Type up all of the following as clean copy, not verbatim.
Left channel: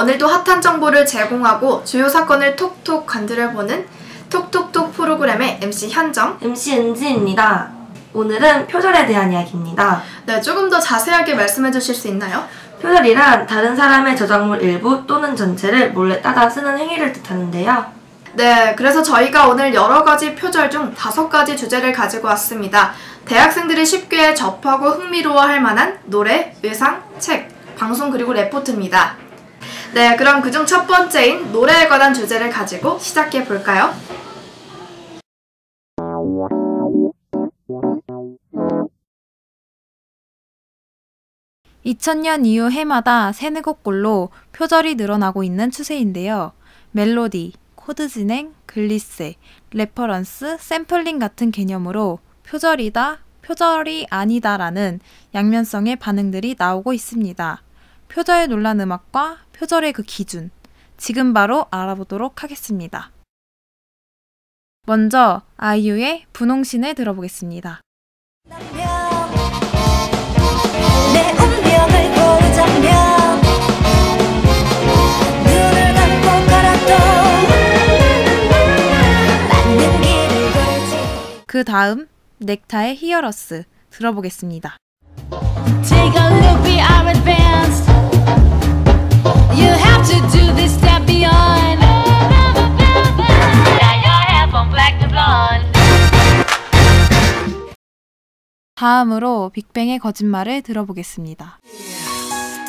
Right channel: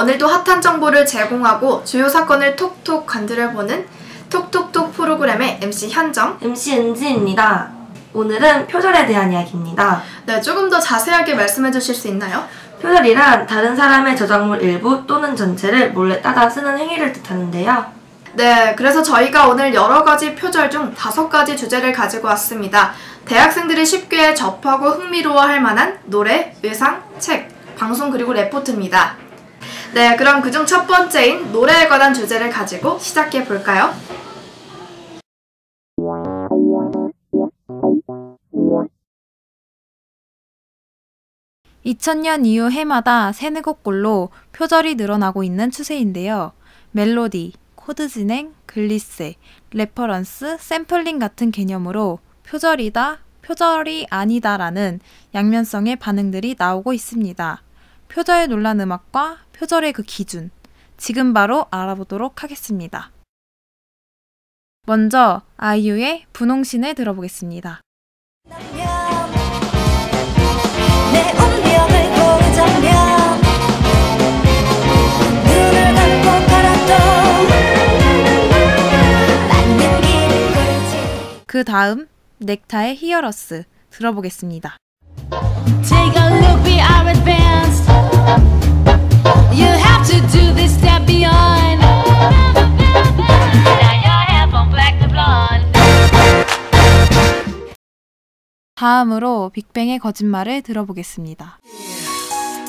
오늘도 핫한 정보를 제공하고 주요 사건을 톡톡 건드려보는 톡톡톡 프로그램의 MC 현정, MC 은지입니다. 오늘은 표절에 대한 이야기입니다. 네, 조금 더 자세하게 말씀해 주실 수 있나요? 표절이란 다른 사람의 저작물 일부 또는 전체를 몰래 따다 쓰는 행위를 뜻하는데요. 네, 그래서 저희가 오늘 여러 가지 표절 중 5가지 주제를 가지고 왔습니다. 대학생들이 쉽게 접하고 흥미로워할 만한 노래, 의상, 책, 방송 그리고 레포트입니다. 네, 그럼 그중 첫 번째인 노래에 관한 주제를 가지고 시작해 볼까요? 내 운명을 고르자면 눈을 감고 걸어도 맞는 길을 걸지. Take a look, we are advanced. You have to do this step beyond. Now your hair from black to blonde.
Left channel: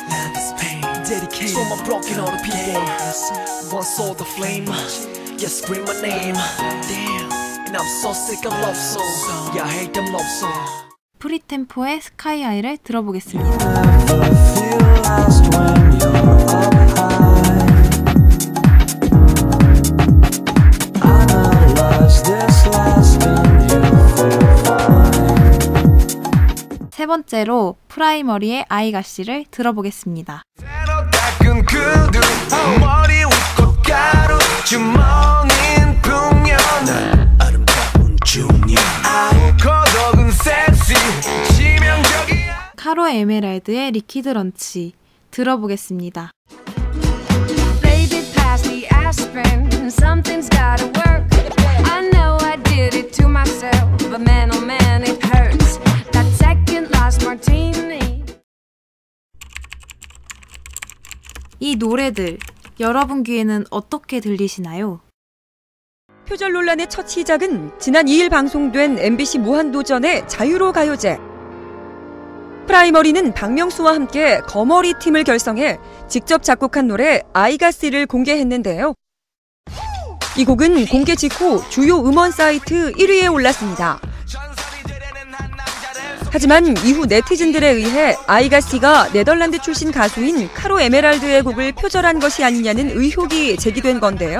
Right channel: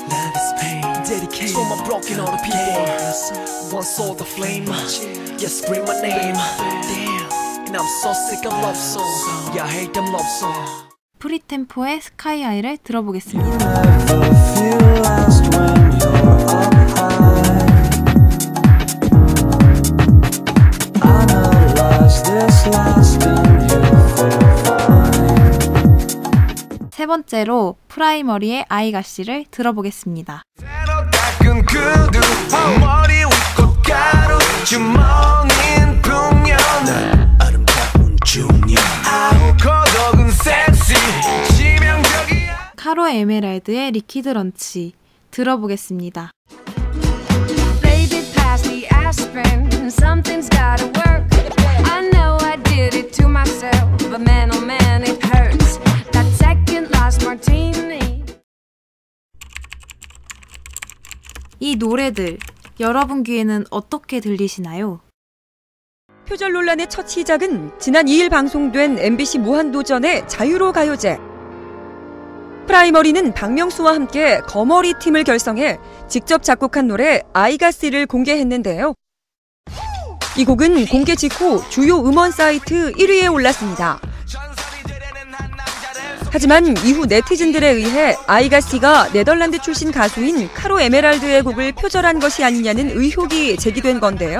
Love is pain, dedicated to my broken hearted people. One saw the flame, yes, scream my name. Damn, and I'm so sick of love songs. Yeah, I hate them love songs. You never feel lost when you're up high. Analyze this last and you feel fine. 새로 닦은 구두 머리 위 꽃가루 주머니인 풍년 아름다운 중년 거덕은 섹시 치명적이야. Baby, pass the aspirin. Something's gotta work. I know I did it to myself, but man, oh man, it hurts. That second last martini. 표절 논란의 첫 시작은 지난 2일 방송된 MBC 무한도전의 자유로 가요제. 프라이머리는 박명수와 함께 거머리 팀을 결성해 직접 작곡한 노래 아이가씨를 공개했는데요. 이 곡은 공개 직후 주요 음원 사이트 1위에 올랐습니다. 하지만 이후 네티즌들에 의해 아이가씨가 네덜란드 출신 가수인 카로 에메랄드의 곡을 표절한 것이 아니냐는 의혹이 제기된 건데요.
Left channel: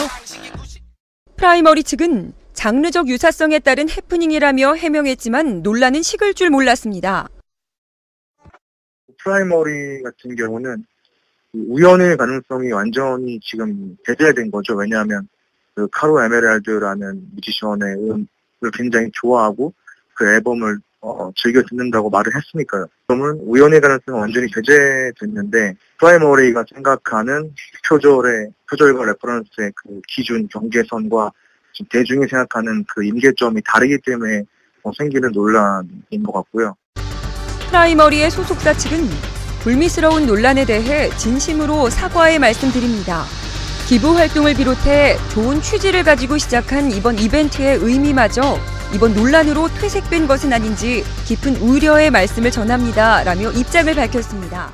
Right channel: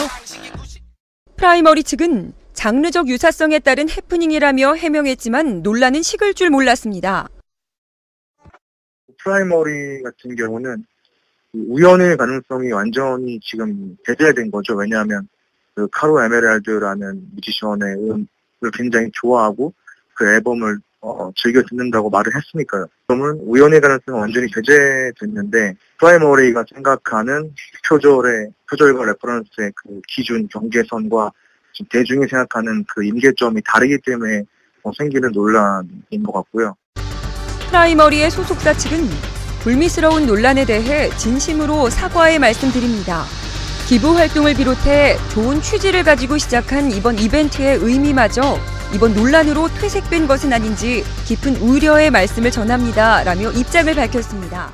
프라이머리 측은 장르적 유사성에 따른 해프닝이라며 해명했지만 논란은 식을 줄 몰랐습니다. 프라이머리 같은 경우는 우연의 가능성이 완전히 지금 배제된 거죠. 왜냐하면 그 카로 에메랄드라는 뮤지션의 음을 굉장히 좋아하고 그 앨범을 즐겨 듣는다고 말을 했으니까요. 그러면 우연의 가능성은 완전히 배제됐는데 프라이머리가 생각하는 표절과 레퍼런스의 그 기준, 경계선과 지금 대중이 생각하는 그 임계점이 다르기 때문에 생기는 논란인 것 같고요. 프라이머리의 소속사 측은 불미스러운 논란에 대해 진심으로 사과의 말씀드립니다. 기부 활동을 비롯해 좋은 취지를 가지고 시작한 이번 이벤트의 의미마저 이번 논란으로 퇴색된 것은 아닌지 깊은 우려의 말씀을 전합니다. 라며 입장을 밝혔습니다.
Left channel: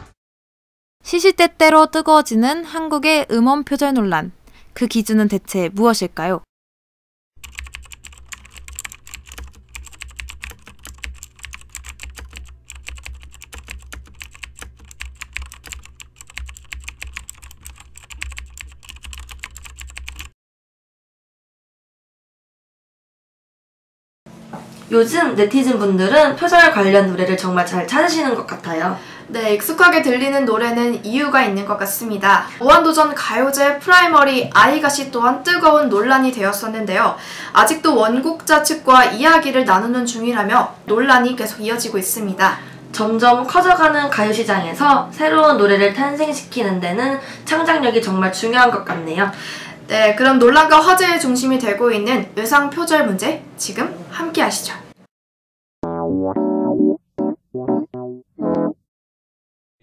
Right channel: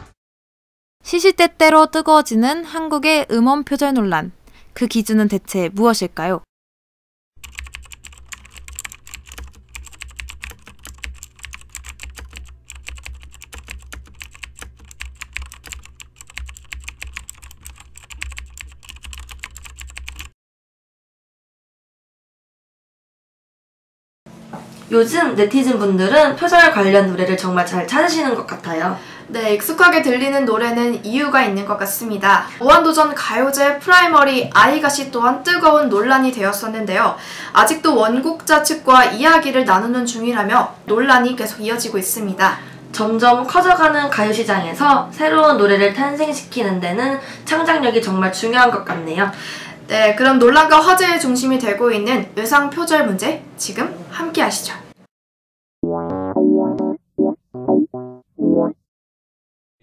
요즘 네티즌 분들은 표절 관련 노래를 정말 잘 찾으시는 것 같아요. 네, 익숙하게 들리는 노래는 이유가 있는 것 같습니다. 무한도전 가요제 프라이머리 아이가씨 또한 뜨거운 논란이 되었었는데요. 아직도 원곡자 측과 이야기를 나누는 중이라며 논란이 계속 이어지고 있습니다. 점점 커져가는 가요시장에서 새로운 노래를 탄생시키는 데는 창작력이 정말 중요한 것 같네요. 네, 그럼 논란과 화제의 중심이 되고 있는 의상 표절 문제 지금 함께 하시죠.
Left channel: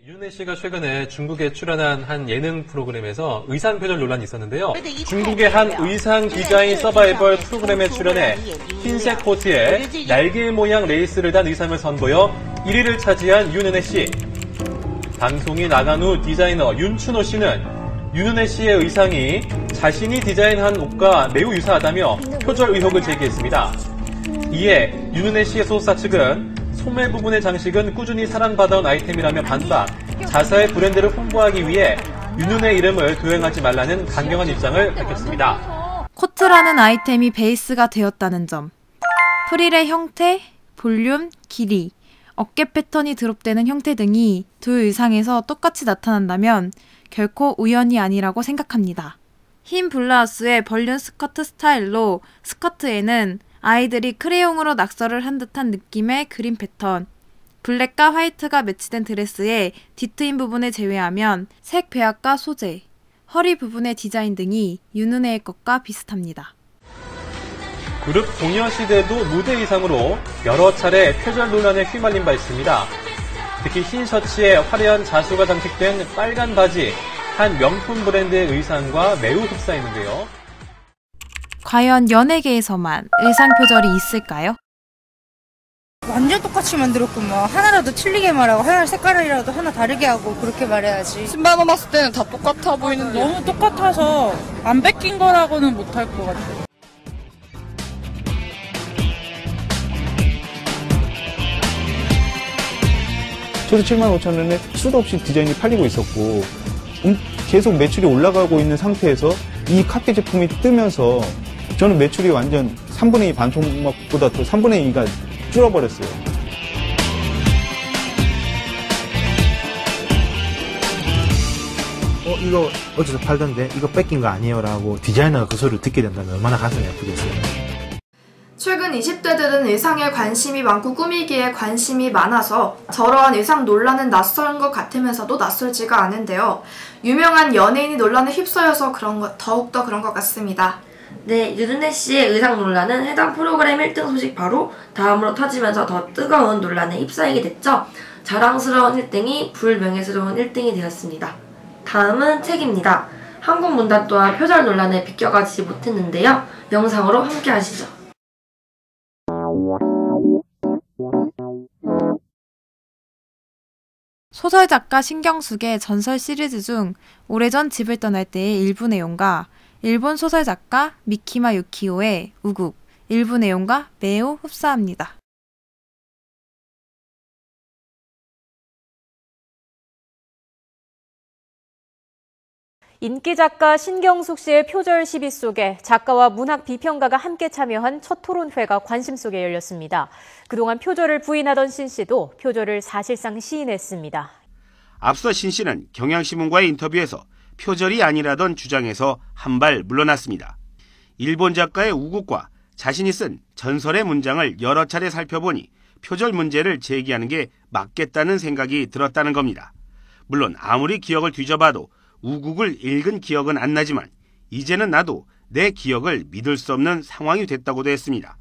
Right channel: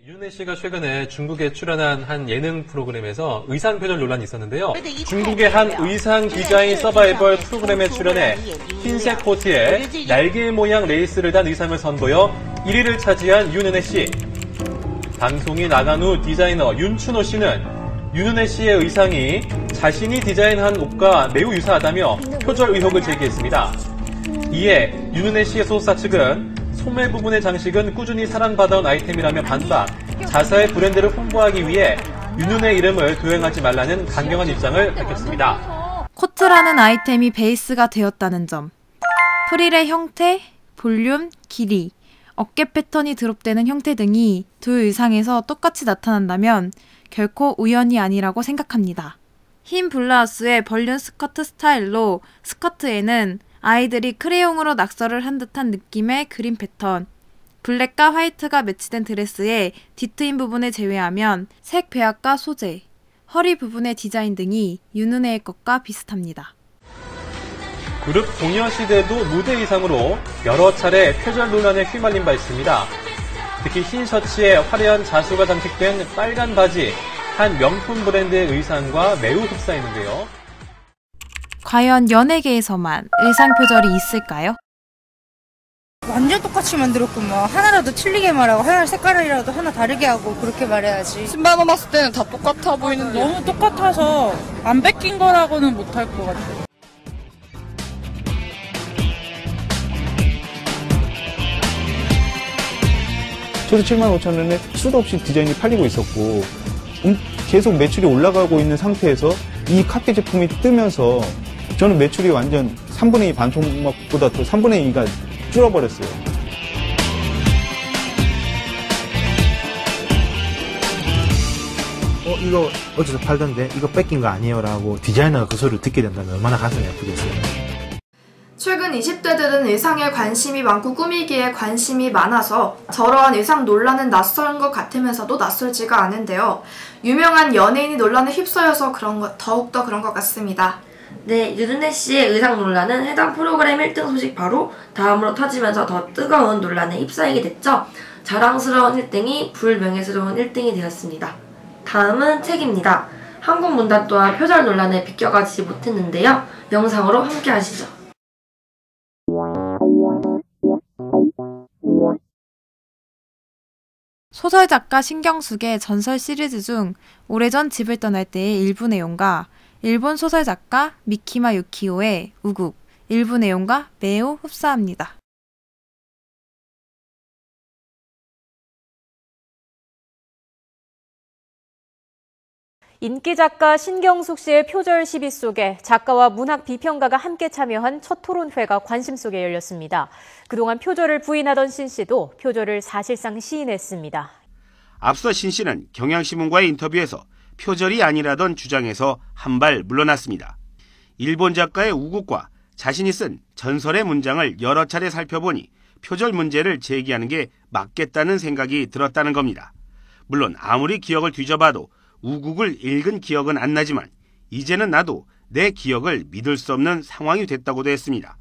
윤은혜 씨가 최근에 중국에 출연한 한 예능 프로그램에서 의상 표절 논란이 있었는데요. 중국의 한 의상 디자인 서바이벌 프로그램에 출연해 흰색 코트에 날개 모양 레이스를 단 의상을 선보여 1위를 차지한 윤은혜 씨. 방송이 나간 후 디자이너 윤춘호 씨는 윤은혜 씨의 의상이 자신이 디자인한 옷과 매우 유사하다며 표절 의혹을 제기했습니다. 이에 윤은혜 씨의 소속사 측은 소매 부분의 장식은 꾸준히 사랑받아온 아이템이라며 반박, 자사의 브랜드를 홍보하기 위해 윤은혜 이름을 도용하지 말라는 강경한 입장을 밝혔습니다. 그룹 소녀시대도 무대 의상으로 여러 차례 표절 논란에 휘말린 바 있습니다. 특히 흰 셔츠에 화려한 자수가 장식된 빨간 바지, 한 명품 브랜드의 의상과 매우 흡사했는데요. 완전 똑같이 만들었구만. 하나라도 틀리게 말하고 하나 색깔이라도 하나 다르게 하고 그렇게 말해야지. 신발만 봤을 때는 다 똑같아 보이는데 너무 똑같아서 안 뺏긴 거라고는 못할 것 같아. 저도 75,000원에 수도 없이 디자인이 팔리고 있었고 계속 매출이 올라가고 있는 상태에서 이 카피 제품이 뜨면서 저는 매출이 완전 3분의 2 반토막보다 더 3분의 2가 줄어버렸어요. 이거 어디서 팔던데 이거 뺏긴 거 아니에요? 라고 디자이너가 그 소리를 듣게 된다면 얼마나 가슴이 아프겠어요. 최근 20대들은 의상에 관심이 많고 꾸미기에 관심이 많아서 저러한 의상 논란은 낯선 것 같으면서도 낯설지가 않은데요. 유명한 연예인이 논란에 휩싸여서 더욱더 그런 것 같습니다. 네, 윤은혜 씨의 의상 논란은 해당 프로그램 1등 소식 바로 다음으로 터지면서 더 뜨거운 논란에 휩싸이게 됐죠. 자랑스러운 1등이 불명예스러운 1등이 되었습니다. 다음은 책입니다. 한국 문단 또한 표절 논란에 비껴가지 못했는데요. 영상으로 함께 하시죠. 인기 작가 신경숙 씨의 표절 시비 속에 작가와 문학 비평가가 함께 참여한 첫 토론회가 관심 속에 열렸습니다. 그동안 표절을 부인하던 신 씨도 표절을 사실상 시인했습니다. 앞서 신 씨는 경향신문과의 인터뷰에서 표절이 아니라던 주장에서 한 발 물러났습니다. 일본 작가의 우국과 자신이 쓴 전설의 문장을 여러 차례 살펴보니 표절 문제를 제기하는 게 맞겠다는 생각이 들었다는 겁니다. 물론 아무리 기억을 뒤져봐도 우국을 읽은 기억은 안 나지만 이제는 나도 내 기억을 믿을 수 없는 상황이 됐다고도 했습니다.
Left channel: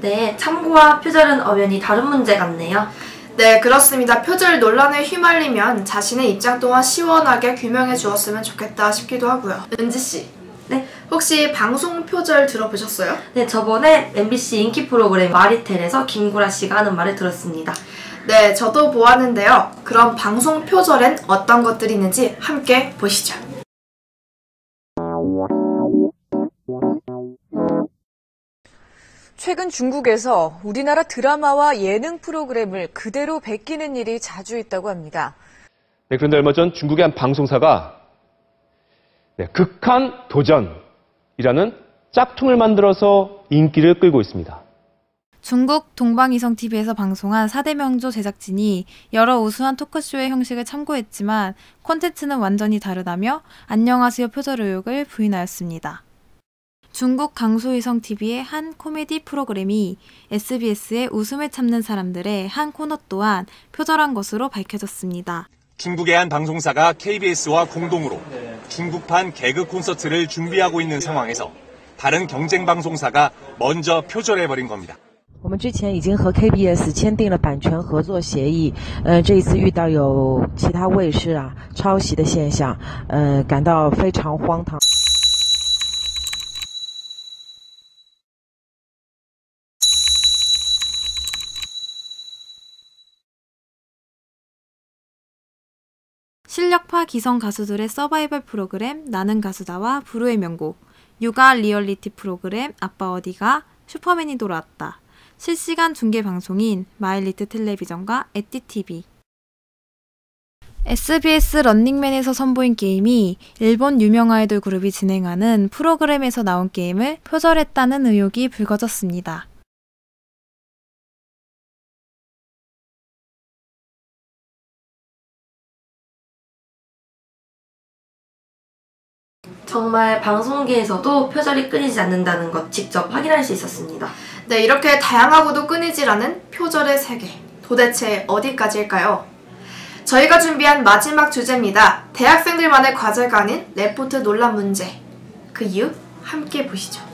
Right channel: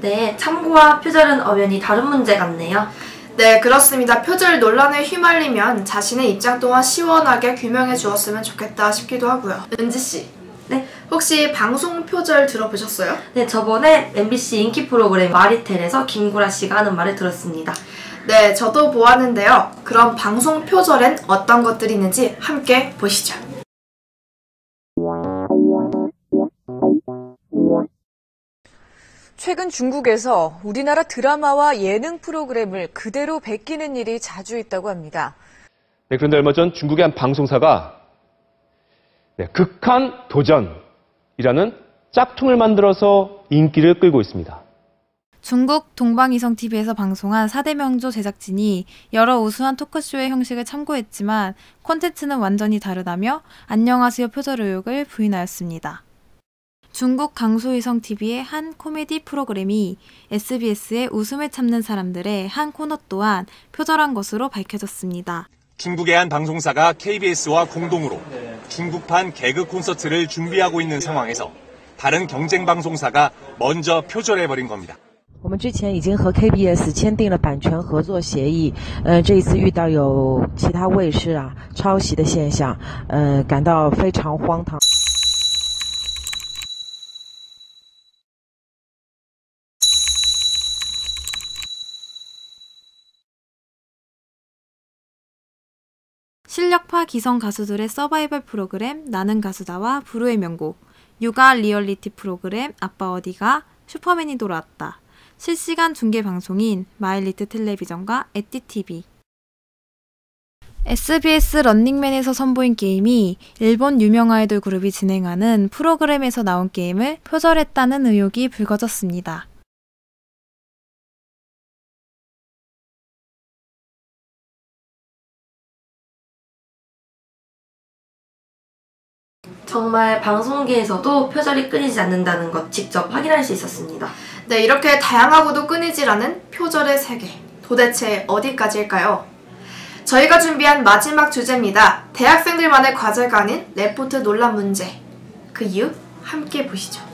네, 참고와 표절은 엄연히 다른 문제 같네요. 네, 그렇습니다. 표절 논란에 휘말리면 자신의 입장 또한 시원하게 규명해 주었으면 좋겠다 싶기도 하고요. 은지 씨. 네, 혹시 방송 표절 들어보셨어요? 네, 저번에 MBC 인기 프로그램 마리텔에서 김구라 씨가 하는 말을 들었습니다. 네, 저도 보았는데요. 그럼 방송 표절엔 어떤 것들이 있는지 함께 보시죠. 최근 중국에서 우리나라 드라마와 예능 프로그램을 그대로 베끼는 일이 자주 있다고 합니다. 네, 그런데 얼마 전 중국의 한 방송사가 극한 도전이라는 짝퉁을 만들어서 인기를 끌고 있습니다. 중국의 한 방송사가 KBS와 공동으로 중국판 개그 콘서트를 준비하고 있는 상황에서 다른 경쟁 방송사가 먼저 표절해버린 겁니다. 我们之前已经和 KBS 签订了版权合作协议，这一次遇到有其他卫视抄袭的现象，感到非常荒唐。 정말 방송계에서도 표절이 끊이지 않는다는 것 직접 확인할 수 있었습니다. 네, 이렇게 다양하고도 끊이질 않은 표절의 세계. 도대체 어디까지일까요? 저희가 준비한 마지막 주제입니다. 대학생들만의 과제가 아닌 레포트 논란 문제. 그 이유 함께 보시죠.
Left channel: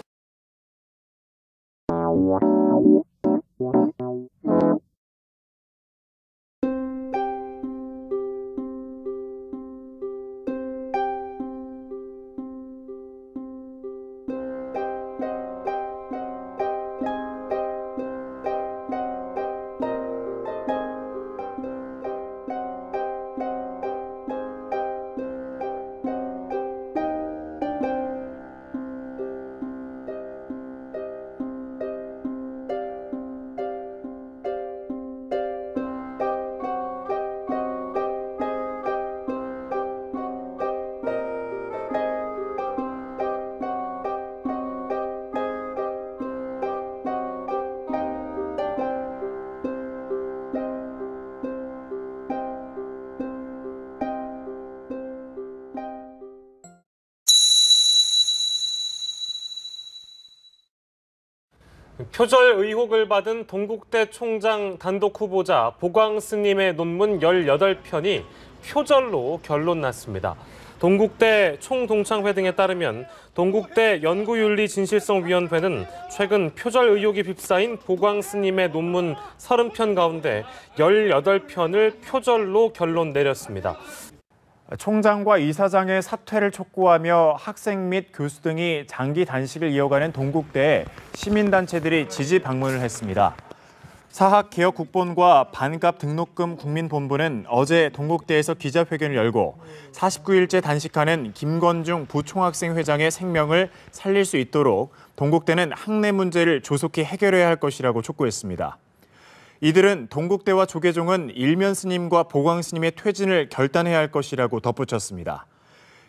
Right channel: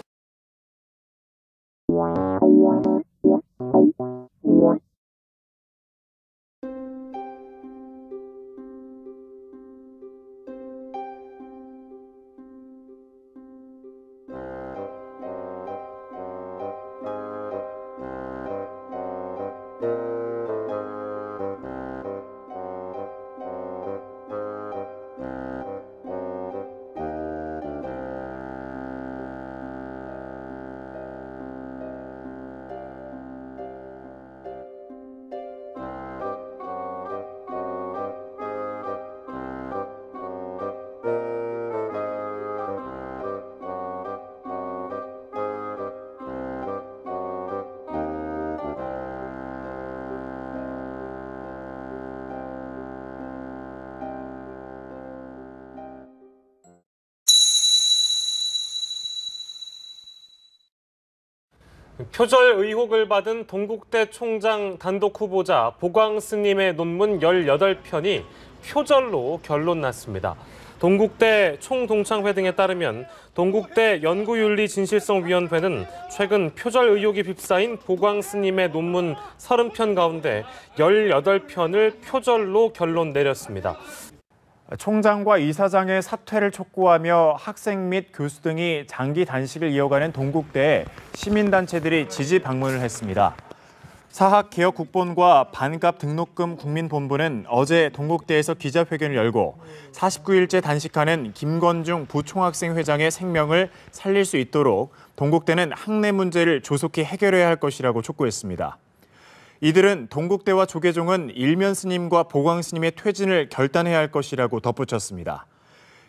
표절 의혹을 받은 동국대 총장 단독 후보자 보광스님의 논문 18편이 표절로 결론났습니다. 동국대 총동창회 등에 따르면 동국대 연구윤리진실성위원회는 최근 표절 의혹이 휩싸인 보광스님의 논문 30편 가운데 18편을 표절로 결론 내렸습니다. 총장과 이사장의 사퇴를 촉구하며 학생 및 교수 등이 장기 단식을 이어가는 동국대에 시민단체들이 지지 방문을 했습니다. 사학개혁국본과 반값 등록금 국민본부는 어제 동국대에서 기자회견을 열고 49일째 단식하는 김건중 부총학생회장의 생명을 살릴 수 있도록 동국대는 학내 문제를 조속히 해결해야 할 것이라고 촉구했습니다. 이들은 동국대와 조계종은 일면 스님과 보광 스님의 퇴진을 결단해야 할 것이라고 덧붙였습니다.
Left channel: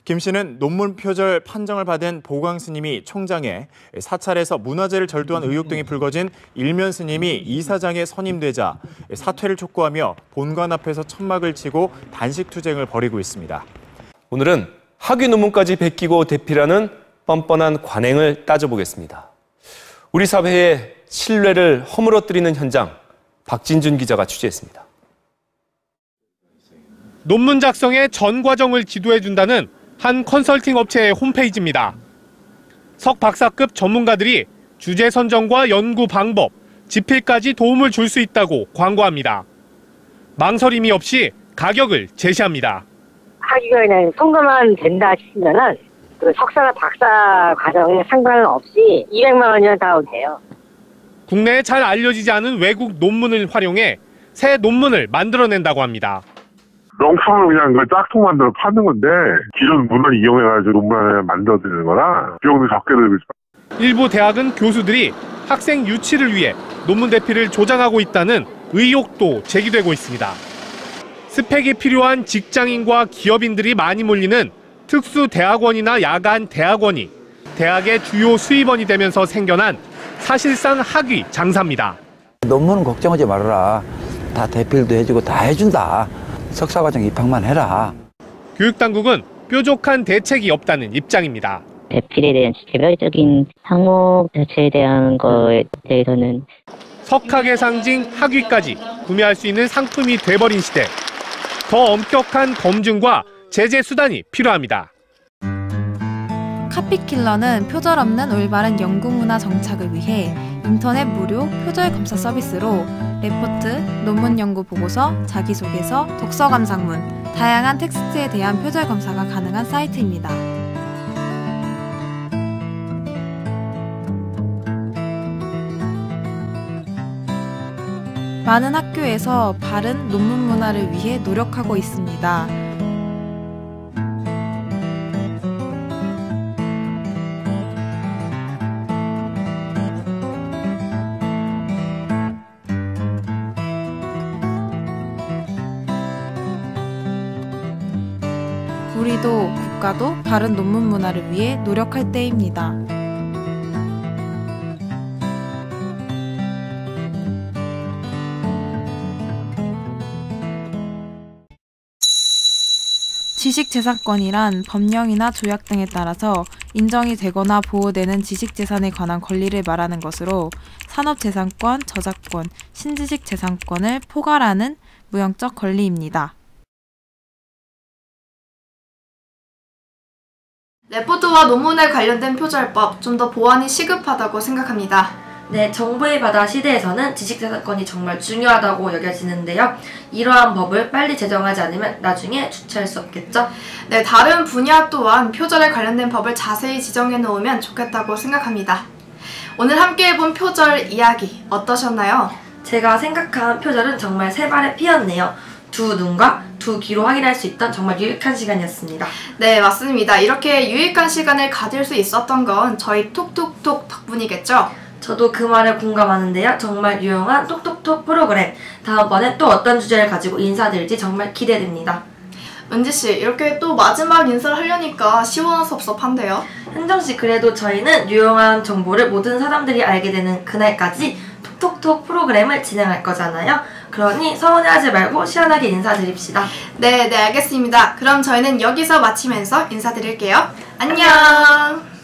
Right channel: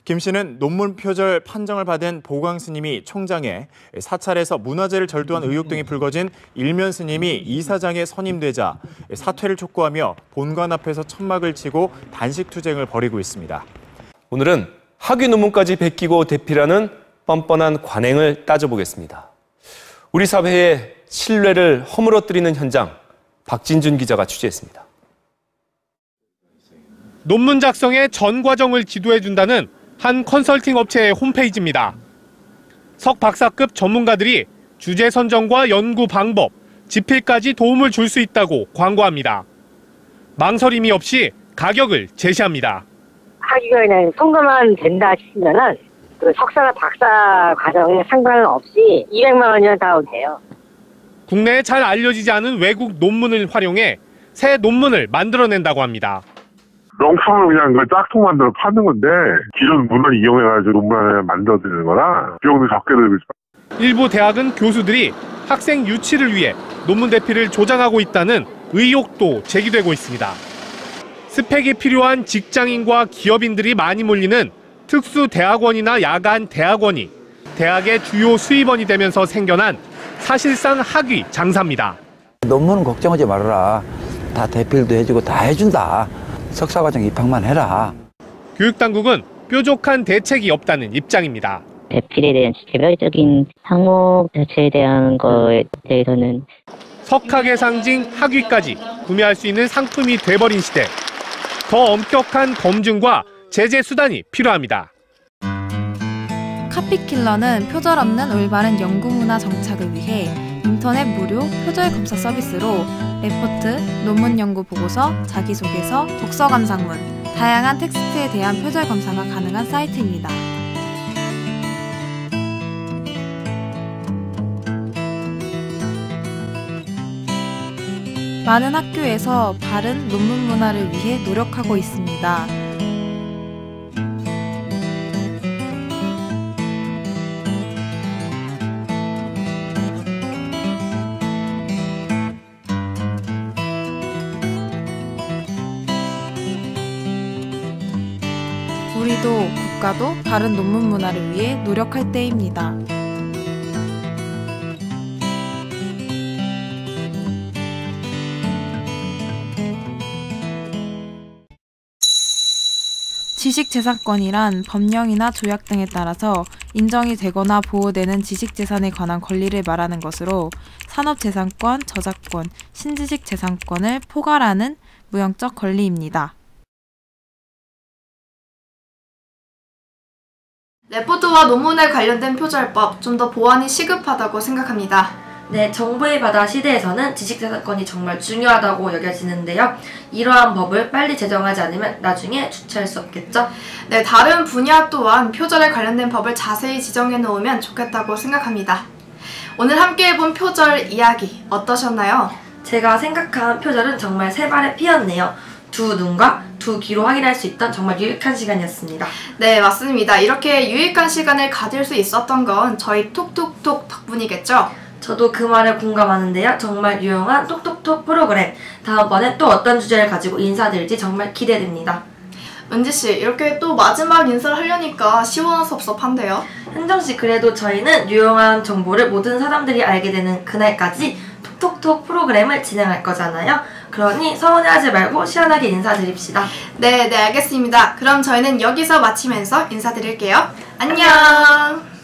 김 씨는 논문 표절 판정을 받은 보광 스님이 총장에 사찰에서 문화재를 절도한 의혹 등이 불거진 일면 스님이 이사장에 선임되자 사퇴를 촉구하며 본관 앞에서 천막을 치고 단식 투쟁을 벌이고 있습니다. 오늘은 학위 논문까지 베끼고 대필하는 뻔뻔한 관행을 따져보겠습니다. 우리 사회의 신뢰를 허물어뜨리는 현장, 박진준 기자가 취재했습니다. 논문 작성의 전 과정을 지도해준다는 한 컨설팅 업체의 홈페이지입니다. 석 박사급 전문가들이 주제 선정과 연구 방법, 집필까지 도움을 줄 수 있다고 광고합니다. 망설임이 없이 가격을 제시합니다. 학위가 그냥 통과만 된다 싶으면은 그 석사나 박사 과정에 상관없이 200만 원이면 다 돼요. 국내에 잘 알려지지 않은 외국 논문을 활용해 새 논문을 만들어낸다고 합니다. 명품을 그냥 그 짝퉁 만들어 파는 건데 기존 문헌 이용해가지고 논문을 만들어드리는 거라 비용도 적게 들고 있어요. 일부 대학은 교수들이 학생 유치를 위해 논문 대피를 조장하고 있다는 의혹도 제기되고 있습니다. 스펙이 필요한 직장인과 기업인들이 많이 몰리는 특수대학원이나 야간 대학원이 대학의 주요 수입원이 되면서 생겨난 사실상 학위 장사입니다. 논문은 걱정하지 말아라. 다 대필도 해주고 다 해준다. 석사과정 입학만 해라. 교육당국은 뾰족한 대책이 없다는 입장입니다. 대필에 대한 개별적인 항목 자체에 대한 거에 대해서는 석학의 상징 학위까지 구매할 수 있는 상품이 돼버린 시대. 더 엄격한 검증과 제재 수단이 필요합니다. 레포트와 논문에 관련된 표절법 좀 더 보완이 시급하다고 생각합니다. 네, 정보의 바다 시대에서는 지식재산권이 정말 중요하다고 여겨지는데요. 이러한 법을 빨리 제정하지 않으면 나중에 주체할 수 없겠죠? 네, 다른 분야 또한 표절에 관련된 법을 자세히 지정해 놓으면 좋겠다고 생각합니다. 오늘 함께 해본 표절 이야기 어떠셨나요? 제가 생각한 표절은 정말 세 발의 피였네요. 두 눈과 두 귀로 확인할 수 있던 정말 유익한 시간이었습니다. 네, 맞습니다. 이렇게 유익한 시간을 가질 수 있었던 건 저희 톡톡톡 덕분이겠죠? 저도 그 말에 공감하는데요. 정말 유용한 톡톡톡 프로그램. 다음번에 또 어떤 주제를 가지고 인사드릴지 정말 기대됩니다. 은지씨, 이렇게 또 마지막 인사를 하려니까 시원섭섭한데요? 현정씨, 그래도 저희는 유용한 정보를 모든 사람들이 알게 되는 그날까지 톡톡톡 프로그램을 진행할 거잖아요. 그러니 서운해하지 말고 시원하게 인사드립시다. 네, 알겠습니다. 그럼 저희는 여기서 마치면서 인사드릴게요. 안녕!